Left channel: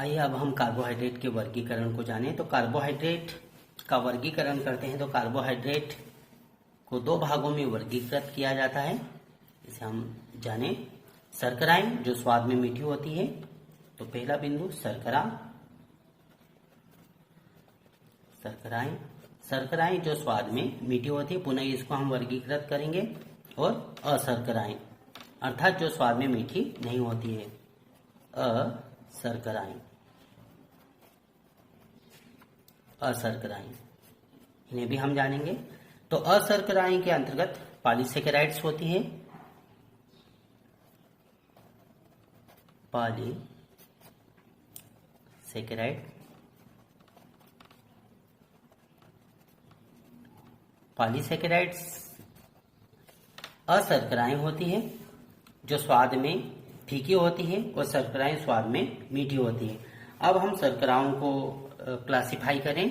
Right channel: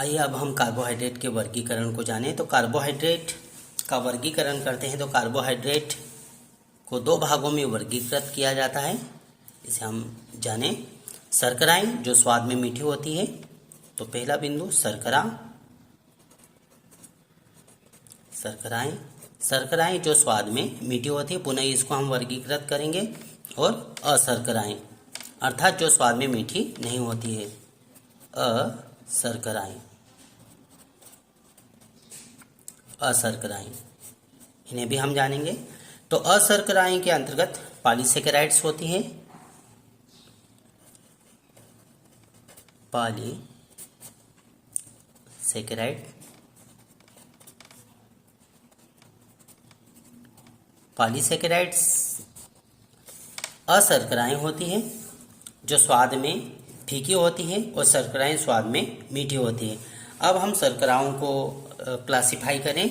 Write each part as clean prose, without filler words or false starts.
आइए अब हम कार्बोहाइड्रेट के वर्गीकरण को जानें। तो कार्बोहाइड्रेट का वर्गीकरण करते हैं तो कार्बोहाइड्रेट को दो भागों में वर्गीकृत किया जाता है। इसे हम जानें। शर्कराएं जो स्वाद में मीठी होती है, तो पहला बिंदु शर्कराएं जो स्वाद में मीठी होती है, पुनः इसको हम वर्गीकृत करेंगे। और अशर्कराएं अर्थात जो स्वाद में मीठी नहीं होती है, अशर्कराएं इन्हें भी हम जानेंगे। तो अशर्कराएं के अंतर्गत पॉलीसेकेराइड्स होती है, पॉलीसेकेराइड्स अशर्कराएं होती हैं जो स्वाद में फीकी होती हैं और शर्कराएं स्वाद में मीठी होती हैं। अब हम शर्कराओं को क्लासिफाई करें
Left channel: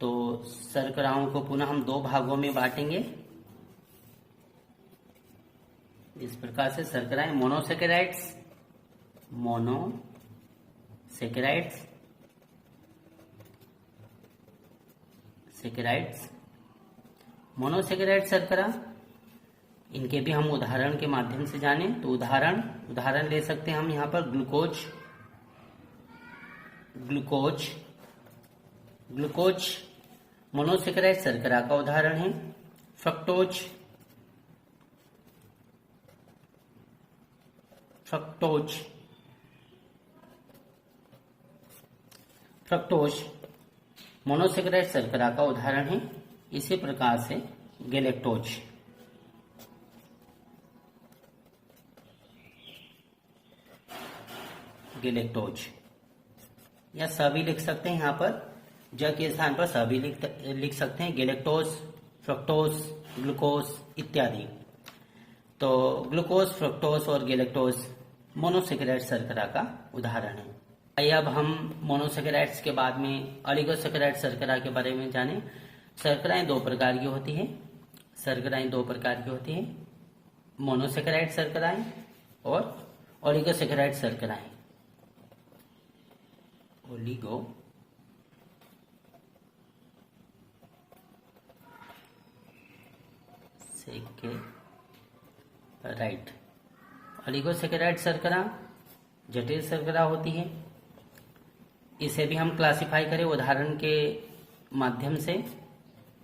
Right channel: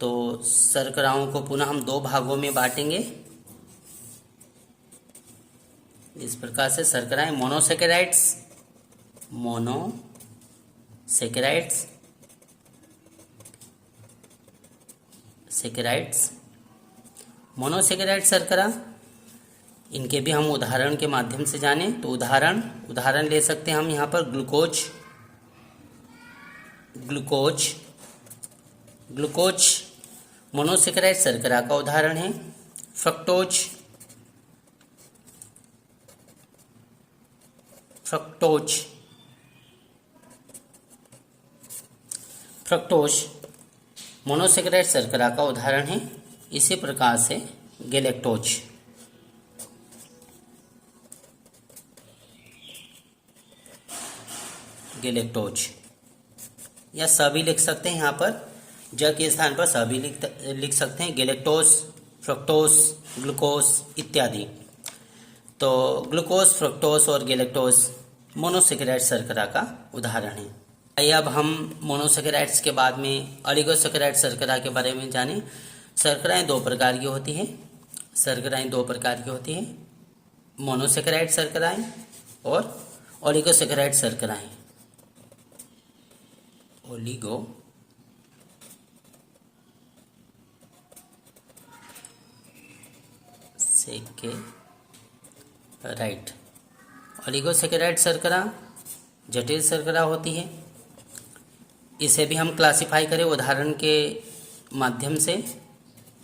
तो शर्कराओं को पुनः हम दो भागों में बांटेंगे। इस प्रकार से शर्कराएं मोनोसेकेराइड्स मोनोसेकेराइड शर्करा, इनके भी हम उदाहरण के माध्यम से जानें। तो उदाहरण ले सकते हैं हम यहाँ पर ग्लूकोज मोनोसेकेराइड शर्करा का उदाहरण है। फ्रक्टोज मोनोसेकेराइड शर्करा का उदाहरण है। इसी प्रकार से गैलेक्टोज या सभी लिख सकते हैं। यहाँ पर ज के स्थान पर सभी लिख सकते हैं, गैलेक्टोज, फ्रक्टोज, ग्लूकोज इत्यादि। तो ग्लूकोज, फ्रक्टोज और गैलेक्टोज मोनोसेकेराइड शर्करा का उदाहरण है। आइए अब हम मोनोसेकेराइड्स के बाद में ऑलिगोसेकेराइड शर्करा के बारे में जानें। शर्कराएं दो प्रकार की होती हैं, मोनोसेकेराइड शर्कराएं और ऑलिगोसेकेराइड शर्कराएं। ऑलिगोसेकेराइड शर्करा जटिल शर्करा होती है। इसे भी हम क्लासिफाई करें उदाहरण के माध्यम से।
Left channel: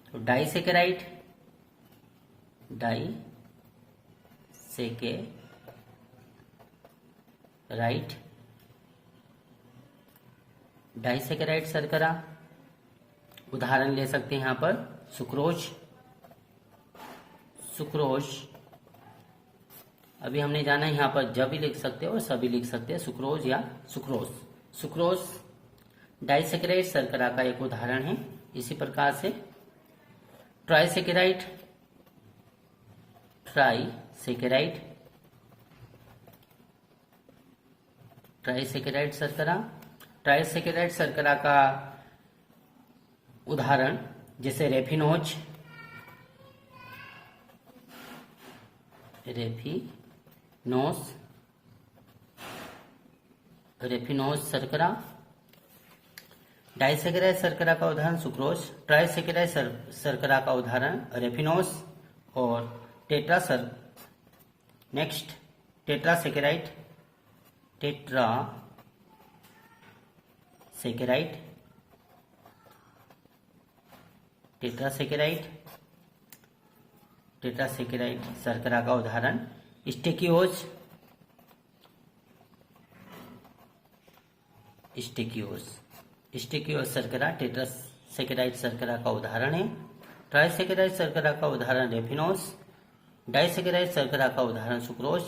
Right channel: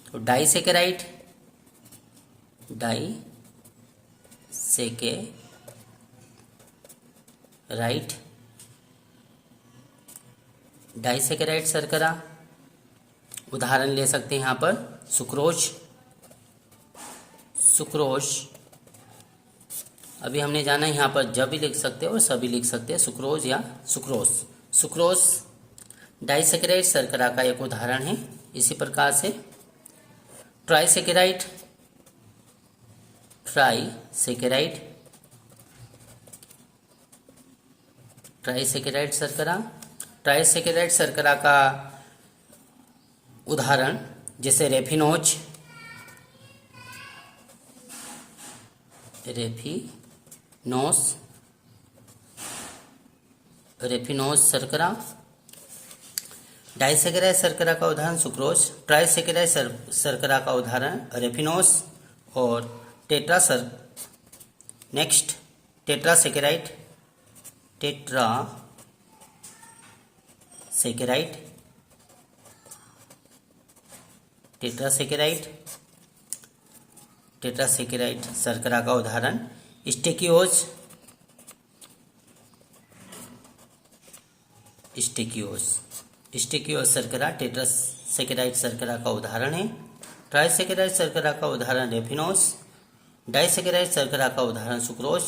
तो डाइसेकेराइड शर्करा, उदाहरण ले सकते हैं यहाँ पर सुक्रोज। अभी हमने जाना यहाँ पर जब भी लिख सकते हैं और सभी लिख सकते हैं, सुक्रोज या सुक्रोज डाइसेकेराइड शर्करा का एक उदाहरण है। इसी प्रकार से ट्राइसेकेराइड शर्करा का उदाहरण जैसे रेफिनोज शर्करा। डाइसेकेराइड शर्करा का उदाहरण सुक्रोज, ट्राइसेकेराइड शर्करा का उदाहरण रेफिनोज और टेट्रासेकेराइड शर्करा का उदाहरण स्टेकियोज शर्करा टेट्रासेकेराइड शर्करा का उदाहरण है। ट्राइसेकेराइड शर्करा का उदाहरण रेफिनोज, डाइसेकेराइड शर्करा का उदाहरण सुक्रोज।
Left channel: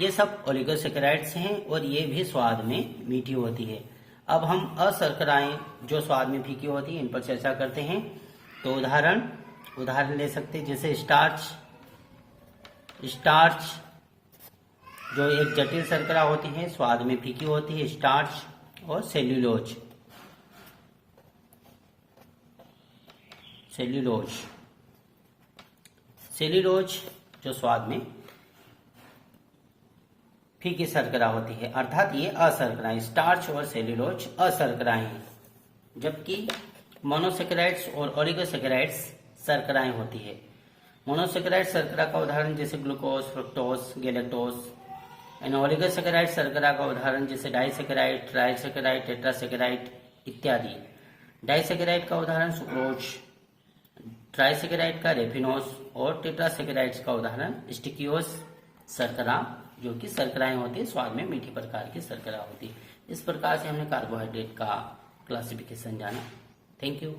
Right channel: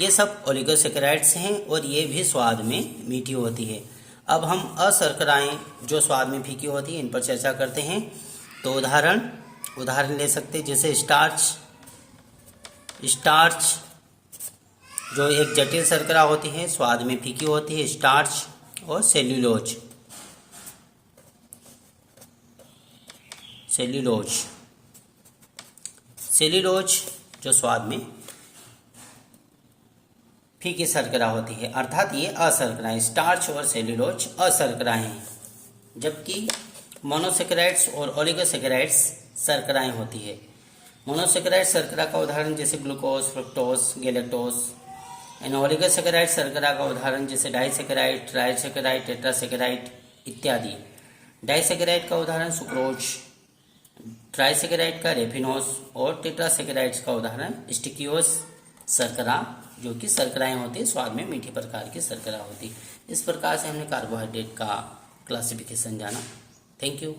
ये सब ओलिगोसेकेराइड्स हैं और ये भी स्वाद में मीठी होती है। अब हम अशर्कराएं जो स्वाद में फीकी होती है, इन पर चर्चा करते हैं। तो उदाहरण ले सकते हैं जैसे स्टार्च जो एक जटिल शर्करा होती है, स्वाद में फीकी होती है, स्टार्च। और सेल्यूलोज जो स्वाद में फीकी शर्करा होती है, अर्थात ये अशर्कराएं, स्टार्च और सेल्यूलोज अशर्कराएं हैं, जबकि मोनोसेकेराइड्स और ओलिगोसेकेराइड्स शर्कराएं होती है। मोनोसेकेराइड शर्करा का उदाहरण जैसे glucose, fructose, galactose, and oligosaccharide शर्करा का उदाहरण जैसे डाइसेकेराइड, ट्राइसेकेराइड, टेट्रासेकेराइड इत्यादि। डाइसेकेराइड का उदाहरण सुक्रोज, ट्राइसेकेराइड का रेफिनोज और टेट्रासेकेराइड्स का उदाहरण स्टिकियोज शर्करा, जो कि शर्कराएं होती है, स्वाद में मीठी प्रकार की शर्करा होती है। इस प्रकार से हमने कार्बोहाइड्रेट का क्लासिफिकेशन जाना। Thank you.